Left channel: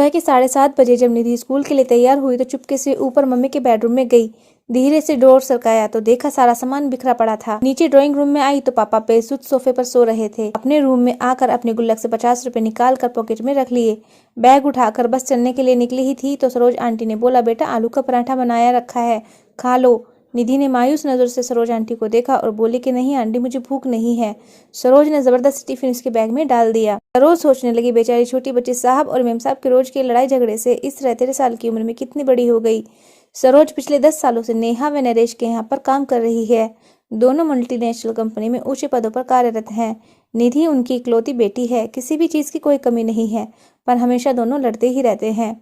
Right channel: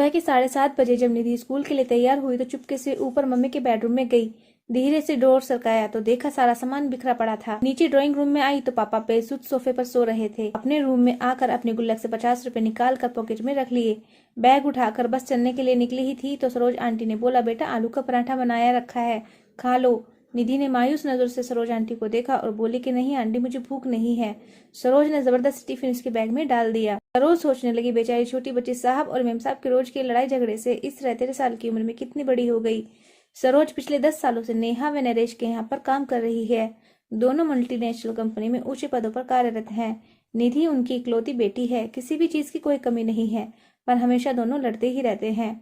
सुबह के 7:30 बजे जब निधि स्कूल के लिए तैयार हुई तो चुपके से ऊपर मम्मी के बेडरूम में गई। धीरे से डोर सरकाया तो देखा सारा सामान बिखरा पड़ा था। नीचे ड्राइंग रूम में आई तो पापा बेसुध सोफे पर सो रहे थे। अपने रूम में आकर अपने गुल्लक से 50 रुपए निकाल कर पॉकेट में रख लिए। बैग उठाकर बस चलने के लिए निकली ही थी तो सरोज आंटी ने बोला, बेटा आलू का पराठा बनाया रखा है, खा लो। निधि ने मायूस नजर से सरोज आंटी को देखा और बोली कि नहीं आंटी, मुझे भूख नहीं है। सरोज ने जबरदस्त टिफिन उसके बैग में डाल दिया। सरोज सोचने लगी, बेचारी छोटी बच्ची साहब और मेम साहब के रोज की लड़ाई झगड़े से इस 13 साल की उम्र में कितनी बड़ी हो गई। सरोज पिछले 10 सालों से नेहा व नरेश के यहाँ पर काम कर रही है। दोनों मल्टीनेशनल कंपनी में ऊंचे पदों पर कार्यरत हैं। निधि उनकी इकलौती बेटी है, किसी भी चीज की कोई कमी नहीं है, पर हमेशा दोनों लड़ते ही रहते हैं।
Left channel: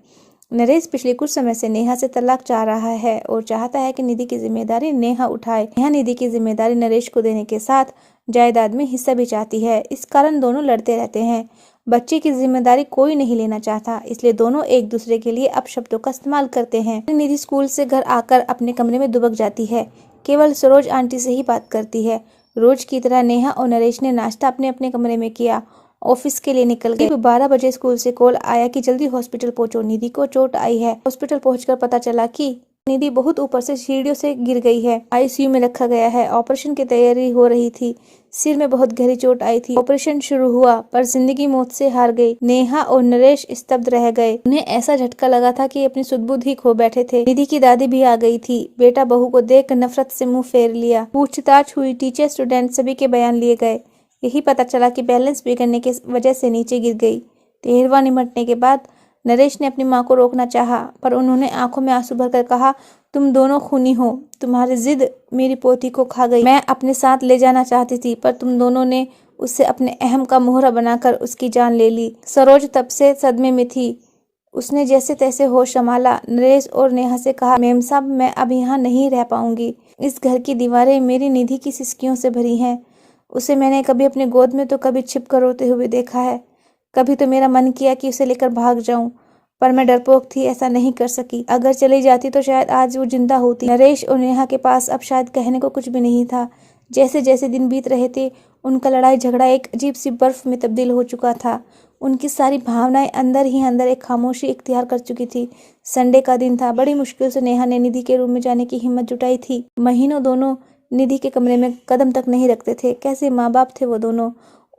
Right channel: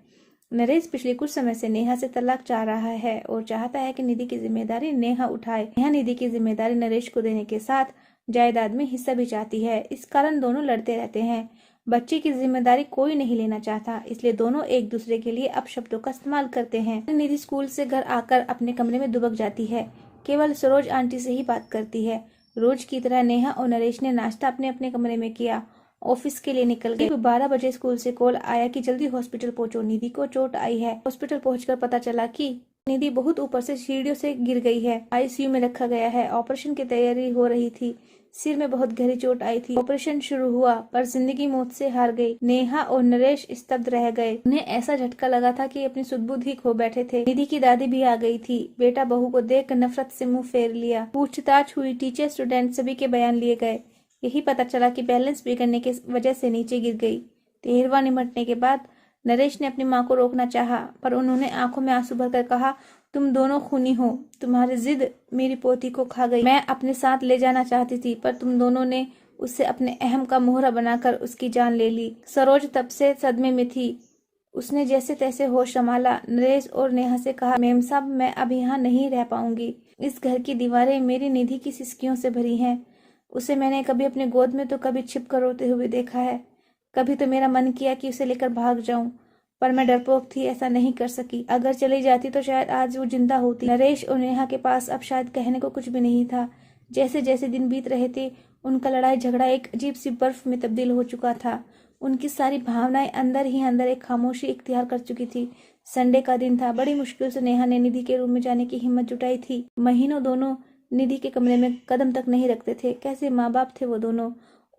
नरेश पिछले कुछ समय से नेहा से तलाक चाह रहा है और चाहता है कि निधि की जिम्मेदारी नेहा उठाए। नेहा निधि की जिम्मेदारी नरेश को देने के साथ जायदाद में हिस्सा भी चाहती है। इस कारण दोनों लड़ते रहते हैं। बच्चे की जिम्मेदारी कोई नहीं लेना चाहता, इसलिए दोनों एक दूसरे के लिए अपशब्दों का इस्तेमाल करते हैं। निधि स्कूल से घर आकर अपने कमरे में दुबक जाती है, केवल सरोज आंटी से ही बात करती है। रोज की तरह नेहा और नरेश ने नाश्ता अपने अपने कमरे में किया, ऑफिस के लिए निकल गए। 12 बजे स्कूल से कॉल आया कि जल्दी हॉस्पिटल पहुंचो, निधि को चोट आई है। हॉस्पिटल पहुंचकर पता चला कि निधि बहुत ऊपर से सीढ़ियों से गिर गई है, आईसीयू में रखा गया है। ऑपरेशन की तैयारी हो रही थी, सिर में बहुत गहरी चोट आई थी। ऑपरेशन शुरू हुआ पर जिंदगी मौत से हार गई। नेहा और नरेश स्तब्ध रह गए। उन्हें ऐसा झटका लगा था कि अपनी सुध-बुध ही खो बैठे थे। निधि की दादी भी आ गई थी। बेटा बहू को देख नफरत से मुंह फेर लिया। पूछताछ हुई, टीचर स्टूडेंट सभी के बयान लिए गए। यही पता चला कि बैलेंस बिगड़ने की वजह से नीचे गिर गई। 13वां निमटने के बाद नरेश ने अपनी मां को रोकना चाहा, पर उन्होंने आंखों में आंसू भरकर कहा, तुम दोनों खूनी हो, तुम्हारी जिद मेरी पोती को खा गई। मैं अपने साथ ले जाना चाहती थी, पर तुम दोनों ने उससे अपने अहम का मोहरा बनाकर उसकी जान ले ली। सरोज तब से सदमे में थी। उसने जैसे तैसे होश संभाला। नरेश और नेहा से कहा, मेम साहब मैं अब यहाँ नहीं रह पाऊंगी। इस घर की दीवारें मेरी निधि की सिसकियों से भरी हैं। उसे मैंने कभी अपने गोद में तो कभी छिप कर रोते हुए देखा है। कभी तो मेरा मन किया कि उसे लेकर भाग जाऊं, पर मैं डरपोक थी, ऐसा नहीं कर सकी। अगर चली जाती तो शायद आज वो जिंदा होती। नरेश और नेहा के पास अब शायद कहने को कुछ भी नहीं था। जैसे जैसे दिन बीत रहे थे, उनका लड़ाई झगड़ा एक अजीब सी बर्फ में तब्दील हो चुका था। उनकी सारी भावनाएं अंदर ही अंदर एक खामोशी इख्तियार कर चुकी थी। संडे का दिन था। बड़ी मुश्किल से नेहा ने निधि के रूम में जाने की हिम्मत जुटाई थी। महीनों दोनों निधि के कमरे में कदम तक नहीं रखते थे। कैसे माँ बाप थे वो दोनों।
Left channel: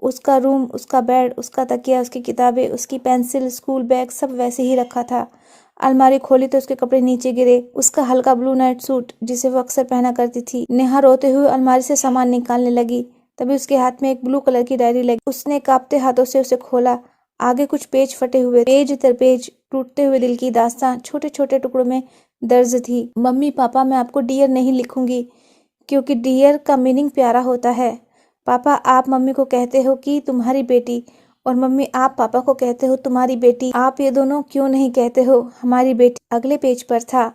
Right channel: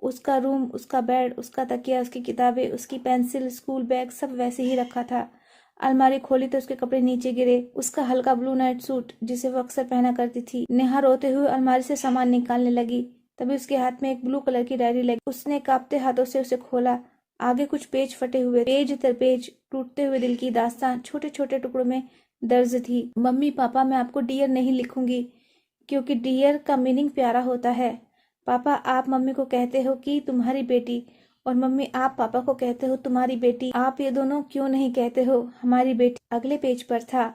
उसका रूम, उसका बेड, उसका तकिया, उसकी किताबें, उसकी पेंसिल, स्कूल बैग सब वैसे ही रखा था। अलमारी खोली तो उसके कपड़े नीचे गिरे। उसका हल्का ब्लू नाइट सूट जिसे वो अक्सर पहना करती थी। नेहा रोते हुए अलमारी से सामान निकालने लगी, तभी उसके हाथ में एक ब्लू कलर की डायरी लगी। उसने कांपते हाथों से उसे खोला। आगे कुछ पेज फटे हुए, पेज दर पेज टूटते हुए दिल की दास्तां छोटे छोटे टुकड़ों में दर्ज थी। मम्मी पापा, मैं आपको डियर नहीं लिखूंगी, क्योंकि डियर का मीनिंग प्यारा होता है। पापा आप मम्मी को कहते हो कि तुम्हारी बेटी, और मम्मी आप पापा को कहते हो तुम्हारी बेटी। आप ये दोनों क्यों नहीं कहते हो हमारी बेटी। अगले पेज पर था,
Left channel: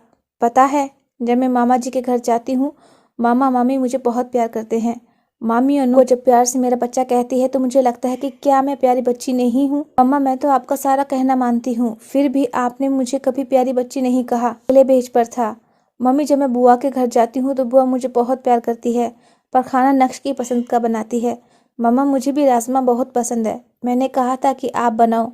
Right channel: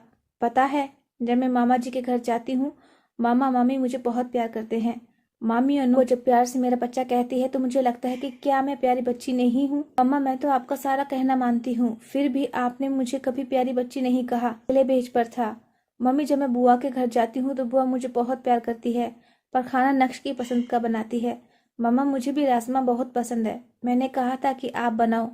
पता है जब मैं मामा जी के घर जाती हूँ, मामा मामी मुझे बहुत प्यार करते हैं। मामी अनु जब प्यार से मेरा बच्चा कहती है तो मुझे लगता है कि क्या मैं प्यारी बच्ची नहीं हूँ। मम्मा मैं तो आपका सारा कहना मानती हूँ, फिर भी आपने मुझे कभी प्यारी बच्ची नहीं कहा। अगले पेज पर था, मम्मी जब मैं बुआ के घर जाती हूँ तो बुआ मुझे बहुत प्यार करती है, पर खाना नक्श की पसंद का बनाती है। मम्मा मुझे भी राजमा बहुत पसंद है। मैंने कहा था कि आप बनाओ,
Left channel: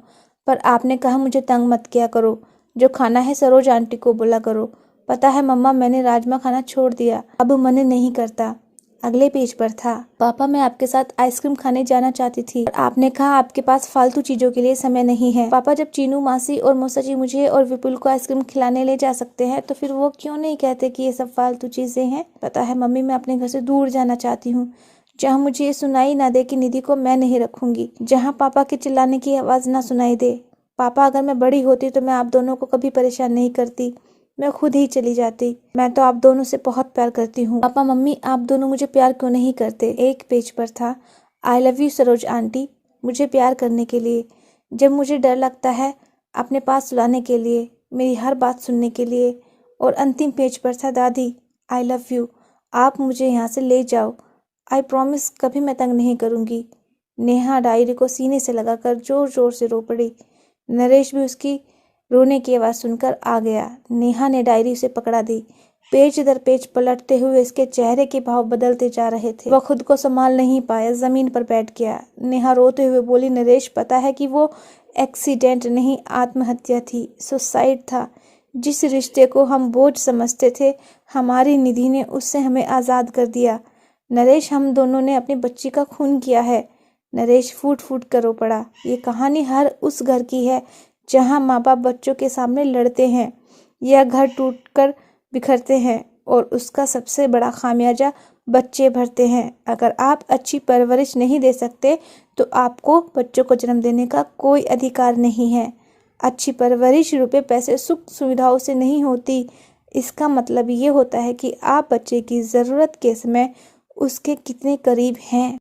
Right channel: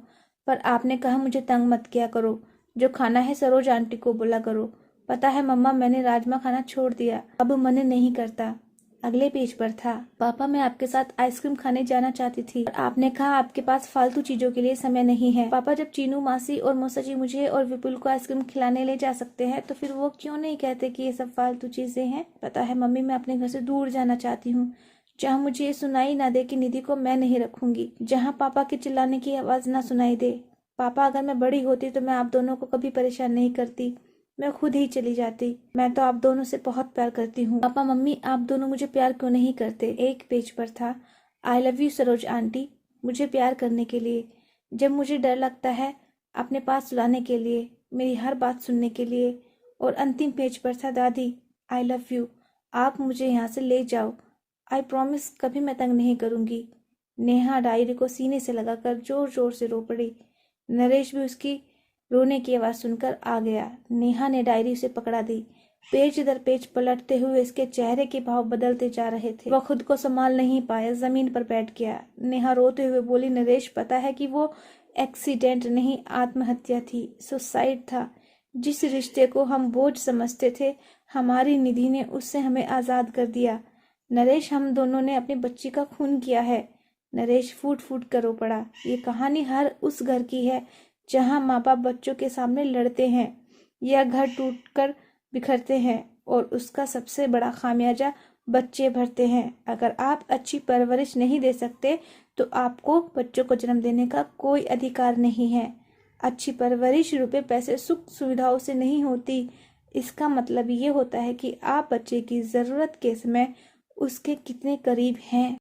पर आपने कहा मुझे तंग मत किया करो, जो खाना है सरोज आंटी को बोला करो। पता है मम्मा मैंने राजमा खाना छोड़ दिया, अब मन नहीं करता। अगले पेज पर था, पापा मैं आपके साथ आइसक्रीम खाने जाना चाहती थी, पर आपने कहा आपके पास फालतू चीजों के लिए समय नहीं है। पापा जब चीनू मासी और मौसा जी मुझे और विपुल को आइसक्रीम खिलाने ले जा सकते हैं तो फिर वो क्यों नहीं कहते कि ये सब फालतू चीजें हैं। पता है मम्मी मैं अपने घर से दूर जाना चाहती हूँ, जहाँ मुझे ये सुनाई ना दे कि निधि को मैं नहीं रखूंगी, जहाँ पापा के चिल्लाने की आवाज ना सुनाई दे। पापा अगर मैं बड़ी होती तो मैं आप दोनों को कभी परेशान नहीं करती, मैं खुद ही चली जाती। मैं तो आप दोनों से बहुत प्यार करती हूँ। पापा मम्मी आप दोनों मुझे प्यार क्यों नहीं करते। एक पेज पर था, I love you Saroj aunty, मुझे प्यार करने के लिए, जब मुझे डर लगता है अपने पास सुलाने के लिए, मेरी हर बात सुनने के लिए। और अंतिम पेज पर था, दादी आई लव यू, आप मुझे यहाँ से ले जाओ, आई प्रॉमिस कभी मैं तंग नहीं करूँगी। नेहा डायरी को सीने से लगाकर जोर जोर से रो पड़ी। नरेश भी उसकी रोने की आवाज सुनकर आ गया। नेहा ने डायरी उसे पकड़ा दी। पेज दर पेज पलटते हुए इसके चेहरे के भाव बदलते जा रहे थे। वह खुद को संभाल नहीं पाया, जमीन पर बैठ गया। नेहा रोते हुए बोली, नरेश पता है कि वो एक्सीडेंट नहीं, आत्महत्या थी, सुसाइड था। जिस रिश्ते को हम बोझ समझते थे, हमारी निधि ने उससे हमें आज़ाद कर दिया। नरेश, हम दोनों ने अपनी बच्ची का खून किया है। नरेश फूट फूट कर रो पड़ा। ये कहानी हर उस घर की है जहाँ माँ बाप बच्चों के सामने लड़ते हैं या घर टूटकर बिखरते हैं, और उसका सबसे बड़ा खामियाजा बच्चे भरते हैं। अगर आप अच्छी परवरिश नहीं दे सकते तो आपको बच्चों को जन्म देने का कोई अधिकार नहीं है। अच्छी परवरिश रुपए पैसे सुख सुविधाओं से नहीं होती। इसका मतलब ये होता है कि आप बच्चे की ज़रूरत के समय उसके कितने करीब हैं।